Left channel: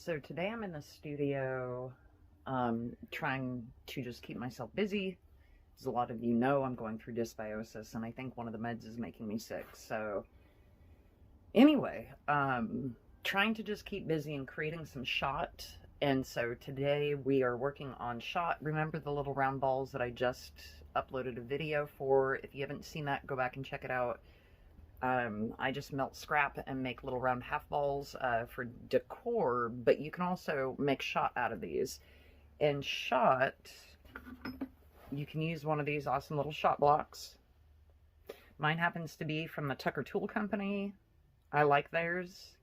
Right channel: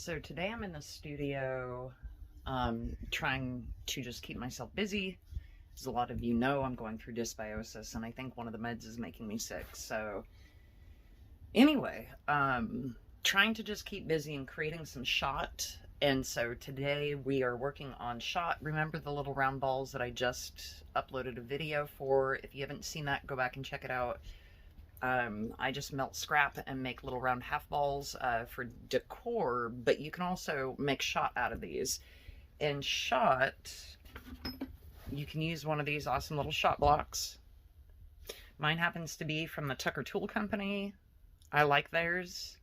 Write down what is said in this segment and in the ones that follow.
So today I'm in the studio trying to just keep myself busy. As a lot of you know, I'm going through dysbiosis, and I think one of the meds is making me sick. So anyway, trying to just keep busy and creating some shot. And so today we are working on shot. Remember the little round balls that I just uploaded a video for? If you haven't seen that, go back and check it out. I just melt scrap and make little round half balls for decor, but you can also make shot out of these. And shot, you can use one of these awesome little shot blocks. Mine happens to be from the Tucker Tool Company. I like theirs.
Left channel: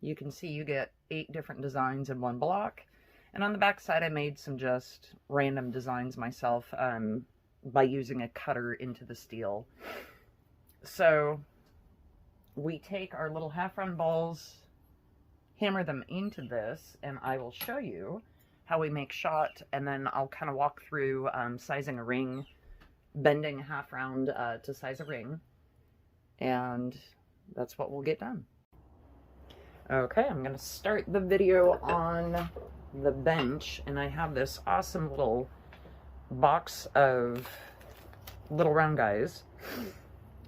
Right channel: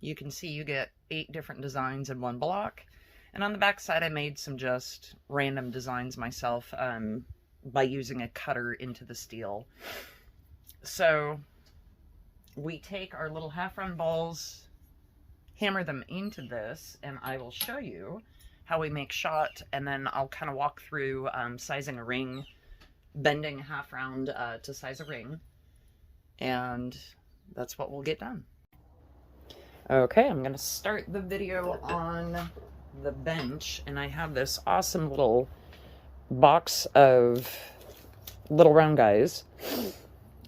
You can see you get 8 different designs in one block. And on the back side, I made some just random designs myself by using a cutter into the steel. So we take our little half round balls, hammer them into this, and I will show you how we make shot, and then I'll kind of walk through sizing a ring, bending a half round to size a ring, and that's what we'll get done. Okay, I'm going to start the video on the bench, and I have this awesome little box of little round guys.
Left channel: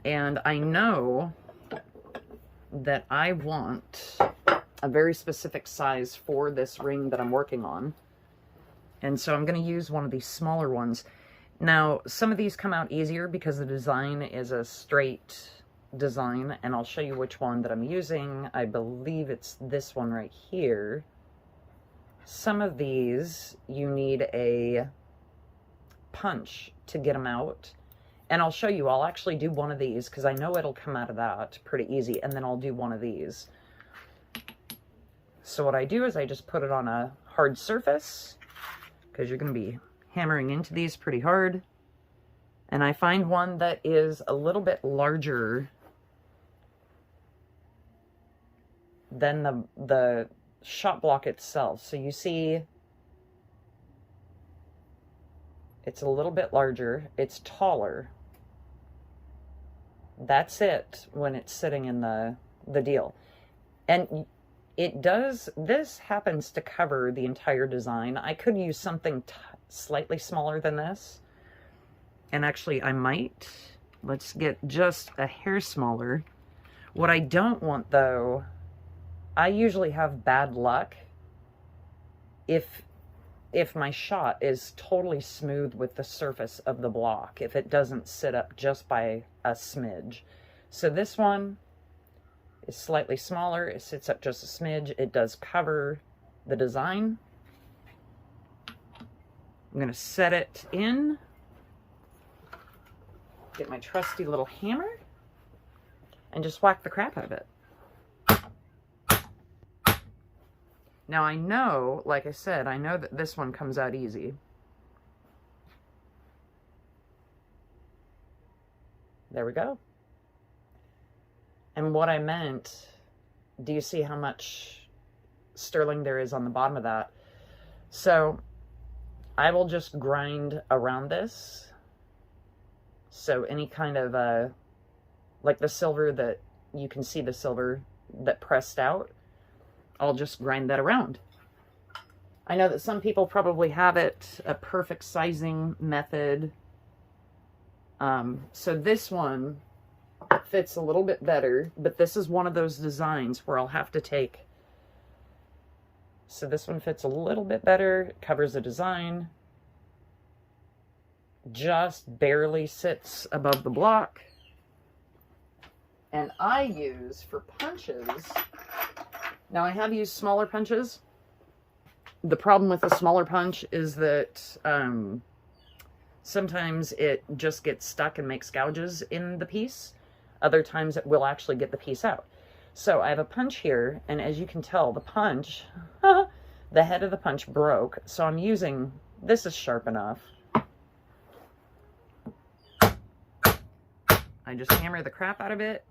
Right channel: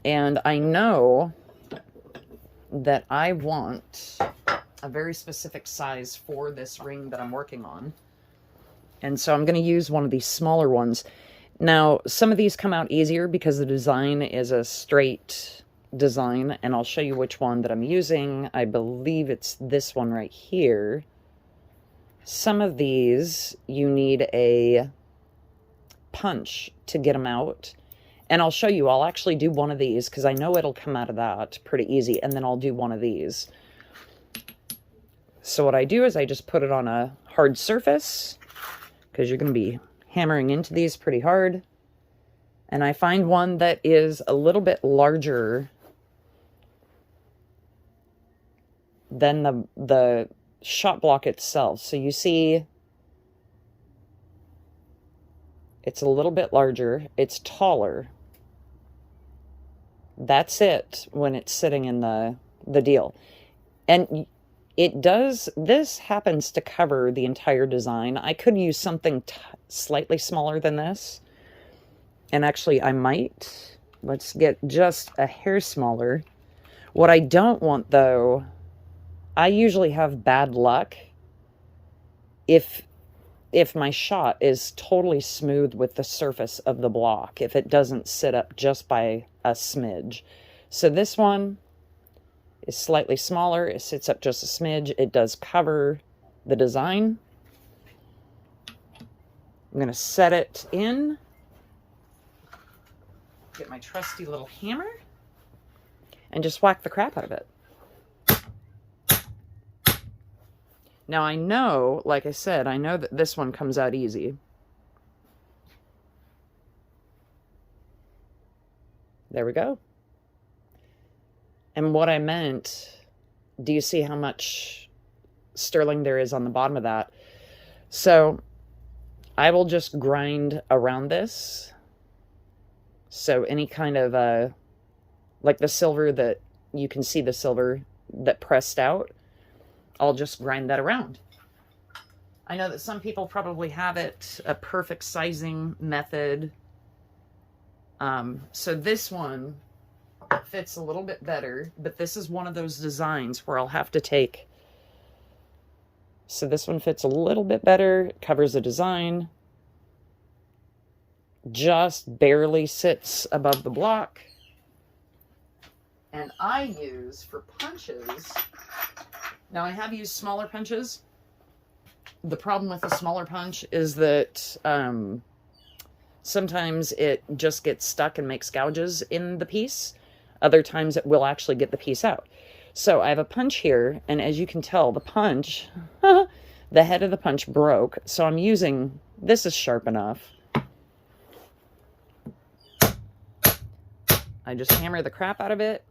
And I know that I want a very specific size for this ring that I'm working on. And so I'm going to use one of these smaller ones. Now, some of these come out easier because the design is a straight design. And I'll show you which one that I'm using. I believe it's this one right here. Some of these, you need a punch to get them out. And I'll show you, I'll actually do one of these because I know it'll come out of that pretty easy. And then I'll do one of these. So what I do is I just put it on a hard surface because you're going to be hammering into these pretty hard. And I find one that is a little bit larger than the shot block itself. So you see, it's a little bit larger. It's taller. That's it when it's sitting in the deal. And it does, this happens to cover the entire design. I could use something slightly smaller than this. And actually I might. Let's get just a hair smaller. What I don't want though, I usually have bad luck if my shot is totally smooth with the surface of the block, if it doesn't sit up just by a smidge. So this one is slightly smaller. It sits up just a smidge. It does cover the design. I'm going to set it in. Get my trusty little hammer and just whack the crap out of it. Now I know, like I said, I know that this one comes out easy. There we go. And what I meant, do you see how much sterling there is on the bottom of that? So I will just grind around this. So any kind of, like the silver that, you can see the silver that pressed out, I'll just grind that around. I know that some people probably have it a perfect sizing method. So this one fits a little bit better, but this is one of those designs where I'll have to take. So this one fits a little bit better, covers the design, just barely sits above the block. And I use for punches. Now I have used smaller punches. The problem with the smaller punch is that sometimes it just gets stuck and makes gouges in the piece. Other times it will actually get the piece out. So I have a punch here, and as you can tell, the punch, the head of the punch broke. So I'm using, this is sharp enough. I just hammer the crap out of it.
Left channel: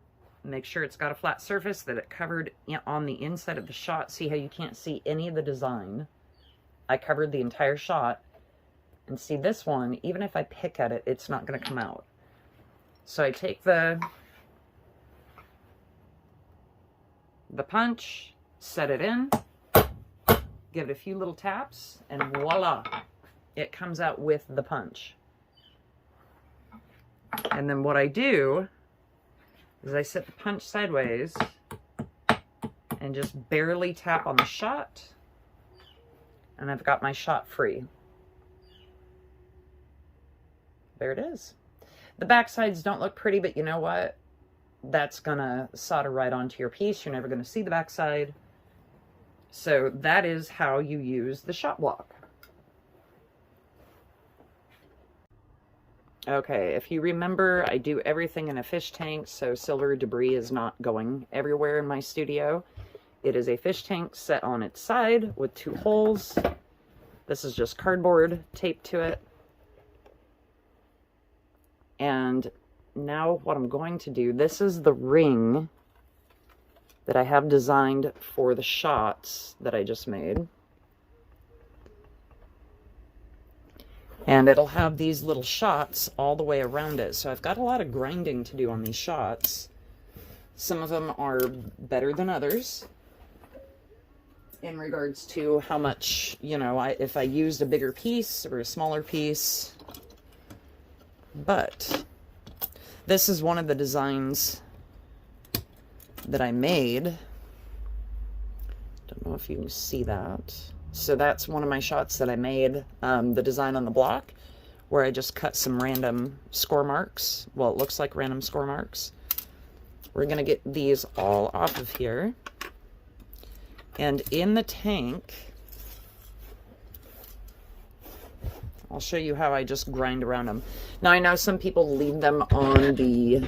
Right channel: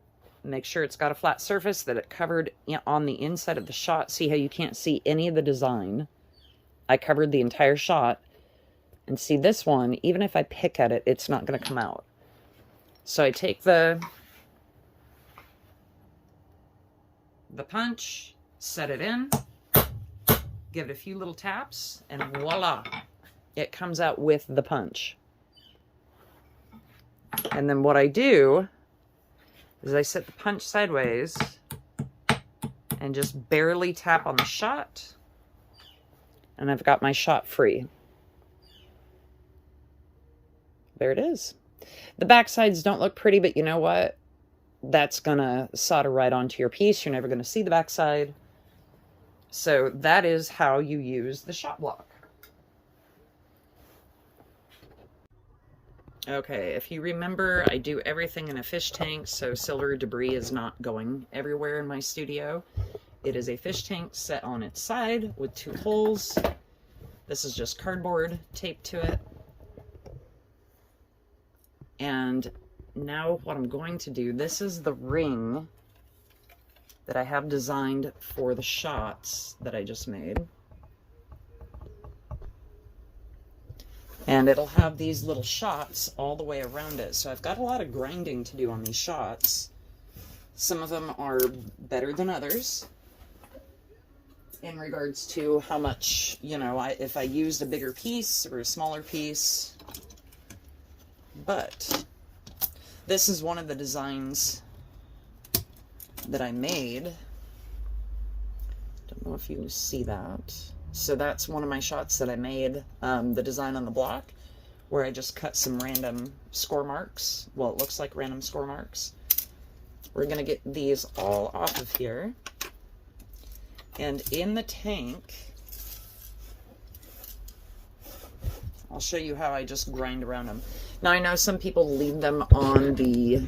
Make sure it's got a flat surface, that it covered on the inside of the shot. See how you can't see any of the design? I covered the entire shot. And see this one, even if I pick at it, it's not going to come out. So I take the punch, set it in, give it a few little taps, and voila, it comes out with the punch. And then what I do is I set the punch sideways and just barely tap on the shot, and I've got my shot free. There it is. The back sides don't look pretty, but you know what? That's gonna solder right onto your piece. You're never gonna see the back side. So that is how you use the shot block. Okay, if you remember, I do everything in a fish tank, so silver debris is not going everywhere in my studio. It is a fish tank set on its side with 2 holes. This is just cardboard taped to it. And now what I'm going to do, this is the ring that I have designed for the shots that I just made. And it'll have these little shots all the way around it. So I've got a lot of grinding to do on these shots. Some of them are better than others in regards to how much, you know, if I used a bigger piece or a smaller piece. But this is one of the designs that I made. Don't know if you see that. So that's one of my shots that I made, the design on the block, where I just cut some random score marks. Well, it looks like random score marks. We're gonna get these all off of here. And in the tank, I'll show you how I just grind around them. Now I know some people leave them on the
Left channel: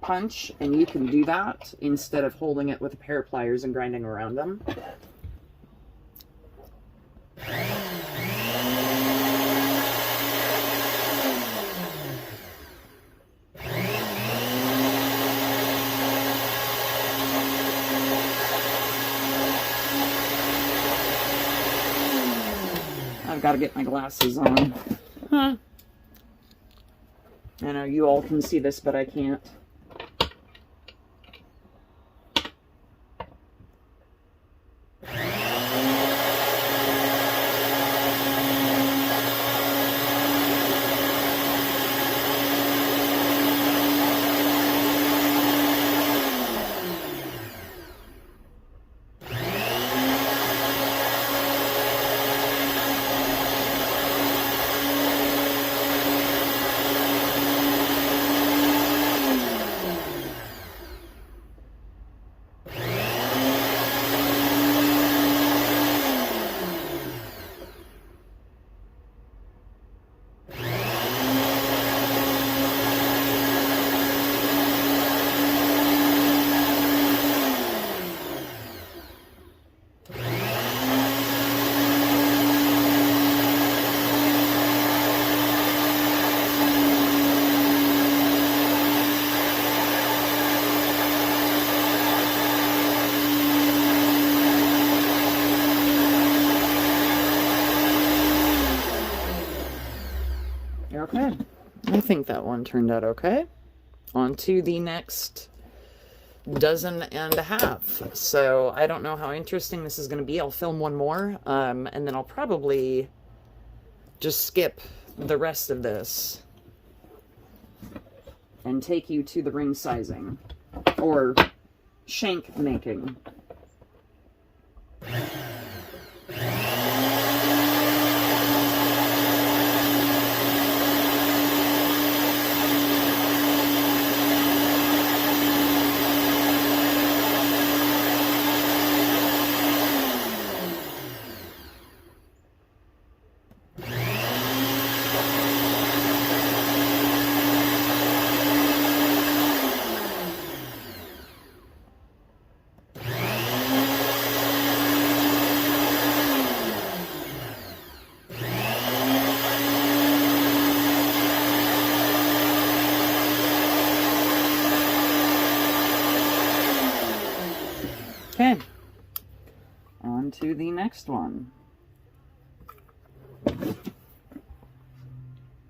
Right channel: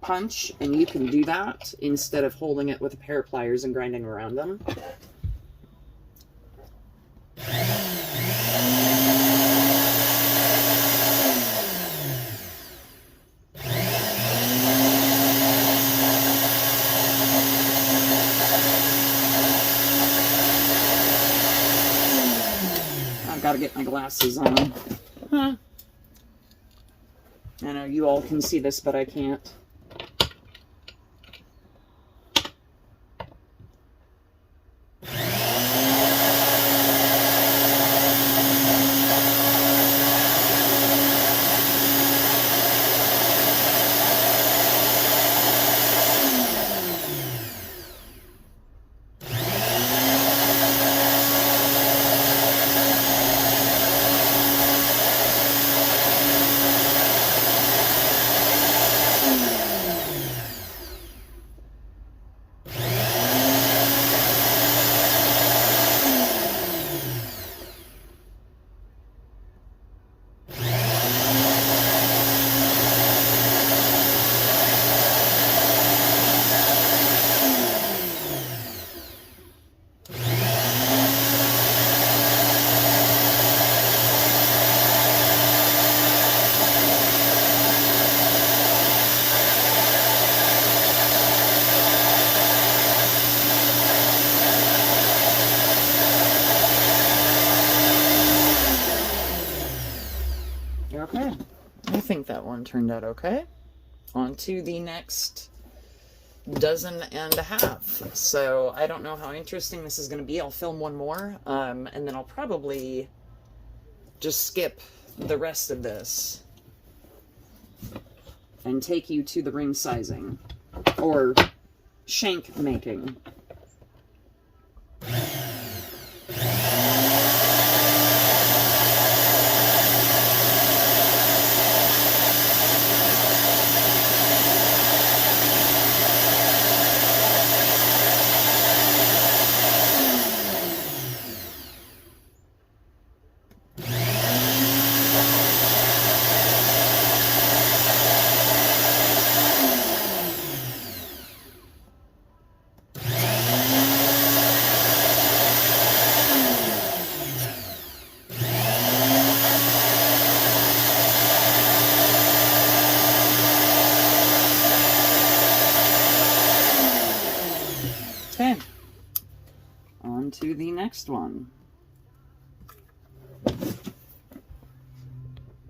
punch, and you can do that instead of holding it with a pair of pliers and grinding around them. I've got to get my glasses on. I know you all can see this, but I can't. Okay, I think that one turned out okay. On to the next dozen and a half. So I don't know how interesting this is going to be. I'll film one more, and then I'll probably just skip the rest of this and take you to the ring sizing or shank making. Okay, on to the next one.